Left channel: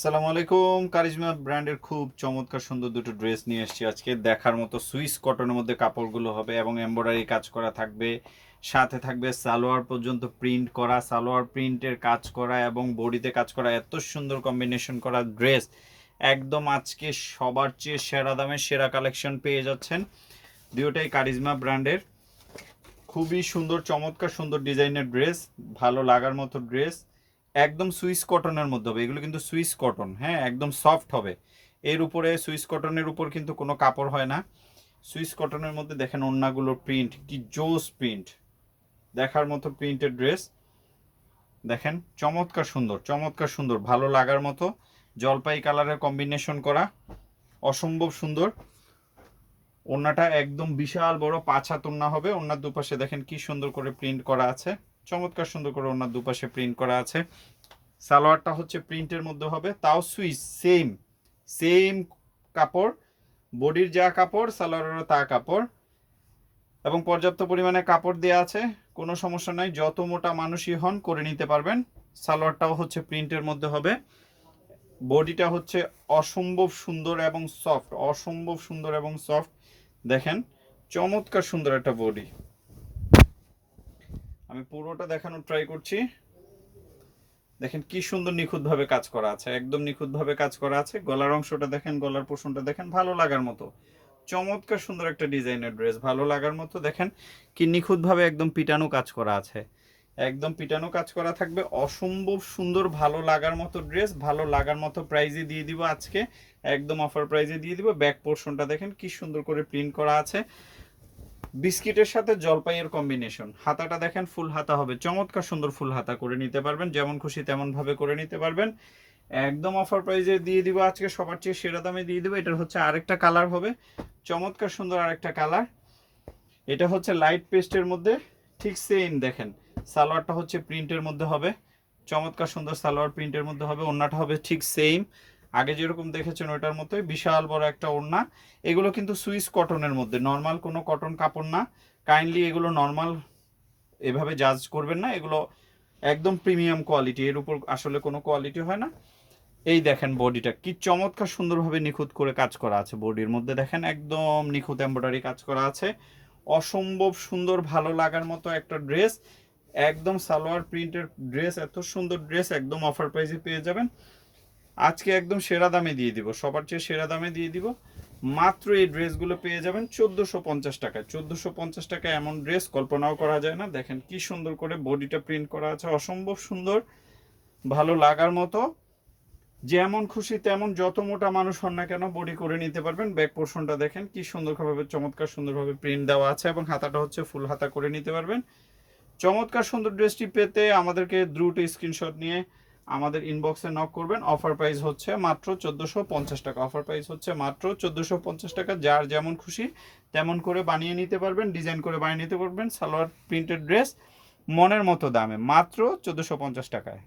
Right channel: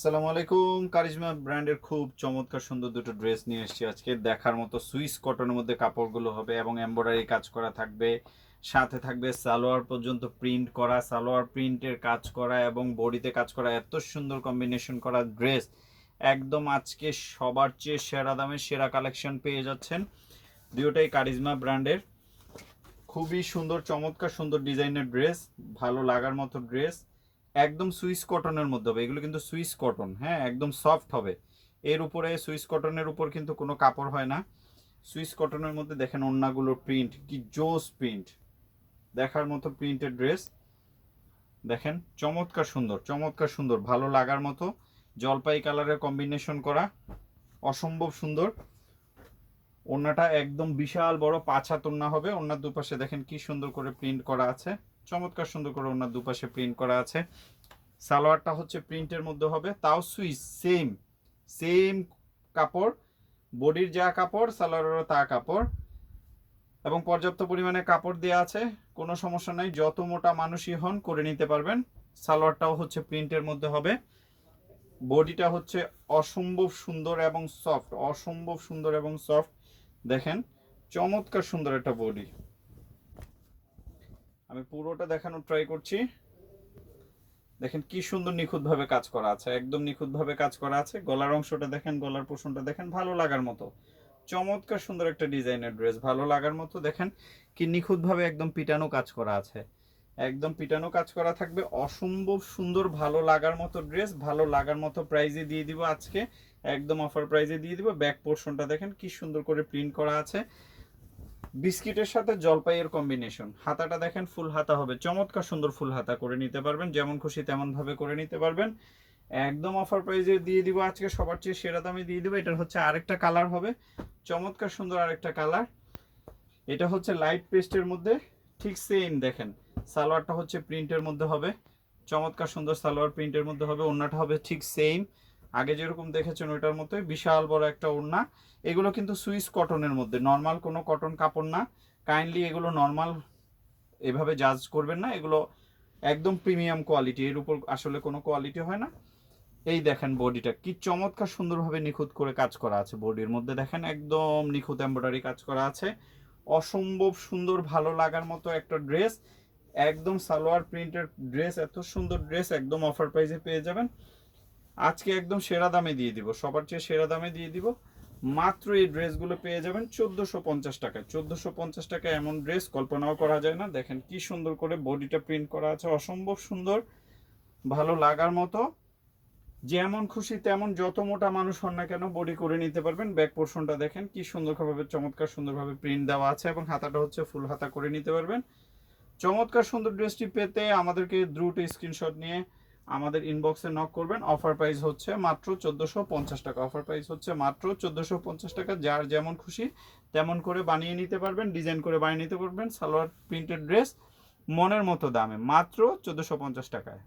আসসালামু আলাইকুম। কারিজমা ব্র্যান্ডের খুব চমৎকার সুন্দর দুটো ড্রেস নিয়ে এসেছি আজকে। দেখার মতো সুইস কটনের মধ্যে কাপড়গুলো হবে এবং এমব্রয়ডারি কাজ করা থাকবে। সাথে থাকবে সালোয়ার পর্যন্ত প্রিন্ট করা, সালোয়ার প্রিন্টের কাজ করা এবং বডিতে কাজ করা এত সুন্দর কম্বিনেশন করা ড্রেস। একদম আজকে সবার চেয়ে সেরা দামে সেরা কালেকশন পেয়ে যাচ্ছেন দুটোটাই কারিজমা ব্র্যান্ডের। খুবই সুন্দর, চমৎকার সুন্দর ডিজাইনের ড্রেস, ভালো লাগার মতো ড্রেস। একদম সুইস কটনের মধ্যে হবে। এগুলো কিন্তু সুইস কটন হ্যাঁ? একদম সফট হবে। এর উপরে সুইস কটনের উপর কিন্তু কোনো কাপড় হয় না। সুইস কটনের মধ্যে দেখেন ওন্নাগুলোর প্রিন্ট, কি জোস প্রিন্ট। দেখার মতো প্রিন্টের ড্রেস। দেখেন, চমৎকার সুন্দর চমৎকার সুন্দর, ভালো লাগার মতো। জলপাই কালারের কম্বিনেশন করা। অসম্ভব সুন্দর। ওন্নাটা একদম বিশাল বড় পাঁচ হাত হবে। ওন্নার দুপাশে দেখেন কি সুন্দর করে প্রিন্ট করা আছে। চমৎকার সুন্দর করে ওনার দুপাশে প্রিন্ট করা আছে। সালোয়ারটা হচ্ছে প্রিন্টের মধ্যে হবে। তাও সুইচ সেম সেম কাপড়, বডির যা কাপড়, সালোয়ারেরও তা কাপড়। এবং পর্যাপ্ত পরিমাণে কাপড় দেওয়া আছে। কোনো সমস্যা নাই, যত মোটা মানুষই হন করে নিতে পারবেন। সালোয়ারটাও হচ্ছে প্রিন্টের মধ্যে হবে। বডিটা হচ্ছে অসম্ভব সুন্দর এবং সফট অসম্ভব সুন্দর এবং সফট দেখেন, চমৎকার সুন্দর একটা বডি আমি পুরোটা দেখানোর ট্রাই করছি। দেখেন কি সুন্দর নিখুঁতভাবে কাজ করা আছে, একদম নিখুঁতভাবে কাজ করা আছে। গলার অংশটা দেখেন, গলার পোষণটা দেখেন, ভালো লাগার মতো। চমৎকার সুন্দর একটা ডিজাইনের ড্রেস ভালো লাগার মতো। দেখেন কি নিখুঁতভাবে একদম পিটানো কাজ করা আছে। একদম পিটানো কাজ করা থাকবে। অসম্ভব সুন্দর, ভালো লাগার মতো ড্রেস ভালো লাগার মতো প্রাইজে দিয়ে দিব আজকে। একদম অফার প্রাইজে দিয়ে দিব। ব্যাক পোর্শনটা দেখেন কি সুন্দর করে প্রিন্ট করা আছে। বিস্কিটের সাথে জলপাইয়ের কম্বিনেশন হাতাটা দেখেন ফুল হাতা হবে। চমৎকার সুন্দর ফুল হাতা করে নিতে পারবেন। যেমন খুশি তেমন ভাবে করে নিতে পারবেন। একদম অফার প্রাইজে দিয়ে দিব আজকে। সবার চেয়ে সেরা দামে দিয়ে দিব। এটার হচ্ছে আরেকটা কালার হবে। চমৎকার সুন্দর আরেকটা কালার এটা হচ্ছে লাইট পেস্টের মধ্যে। ঠিক সেম দেখেন। সালোয়ারটা হচ্ছে প্রিন্টের মধ্যে হবে। চমৎকার সুন্দর সালোয়ার প্রিন্টের মধ্যে হবে। ওড়নাটা হবে ঠিক সেম আগে যেরকম দেখেছেন ওইটার মতোই বিশাল বড় একটা ওড়না। এগুলো কিন্তু সুইস কটনের মধ্যে নর্মাল কোনো কটন কাপড় না। কাইন্ডলি এগুলো নর্মাল এভাবে জাজ করবেন না। এগুলো একদম প্রিমিয়াম কোয়ালিটি এর উপর আসলে কোনো কোয়ালিটি হয় না। এই দেখেন বডিটা, কি চমৎকার সুন্দরভাবে নিখুঁত করে কাজ করা আছে বডির মধ্যে। দেখেন একদম নিখুঁত এমব্রয়ডারি কাজ করা আছে। অসম্ভব সুন্দর ভালো লাগার মতো একটা ড্রেস একদম সালোয়ার প্রিন্টের ড্রেস এত সুন্দর ড্রেস একদম অফার প্রাইসে পেয়ে যাবেন। আজকে একদম সেরা দামে দিয়ে দিব, সবার চেয়ে সেরা দামে দিয়ে দিব। মাত্র এই ড্রেসগুলো পেয়ে যাবেন চোদ্দোশো পঞ্চাশ টাকায়। চোদ্দোশো পঞ্চাশ টাকা এমন ড্রেস কল্পনাও করা যায় না। দেখেন কি সুন্দর করে বডিটা প্রিন্ট করা আছে, অসম্ভব সুন্দর, ভালো লাগার মতো। যেমন খুশি তেমন যত মোটা মানুষ হন না কেন বডি করে নিতে পারবেন। ব্যাক পোর্শনটা দেখেন কি সুন্দরভাবে, চমৎকার সুন্দরভাবে প্রিন্ট দেওয়া আছে এবং হাতাটা হচ্ছে ফুল হাতা করে নিতে পারবেন। চমৎকার সুন্দর ড্রেসটি পেতে আমাদেরকে দ্রুত স্ক্রিনশট নিয়ে আমাদের ইনবক্সে নক করবেন। অফার প্রাইস হচ্ছে মাত্র চোদ্দোশো পঞ্চাশ টাকা। অফার প্রাইস হচ্ছে মাত্র চোদ্দোশো পঞ্চাশ টাকা। যার যেমন খুশি তেমন করে বানিয়ে নিতে পারবেন ডিজাইন করে বানিয়ে নিতে পারবেন। সালোয়ার প্রিন্টেড ড্রেস মনের মতো দামে, মাত্র চোদ্দোশো পঞ্চাশ টাকায়।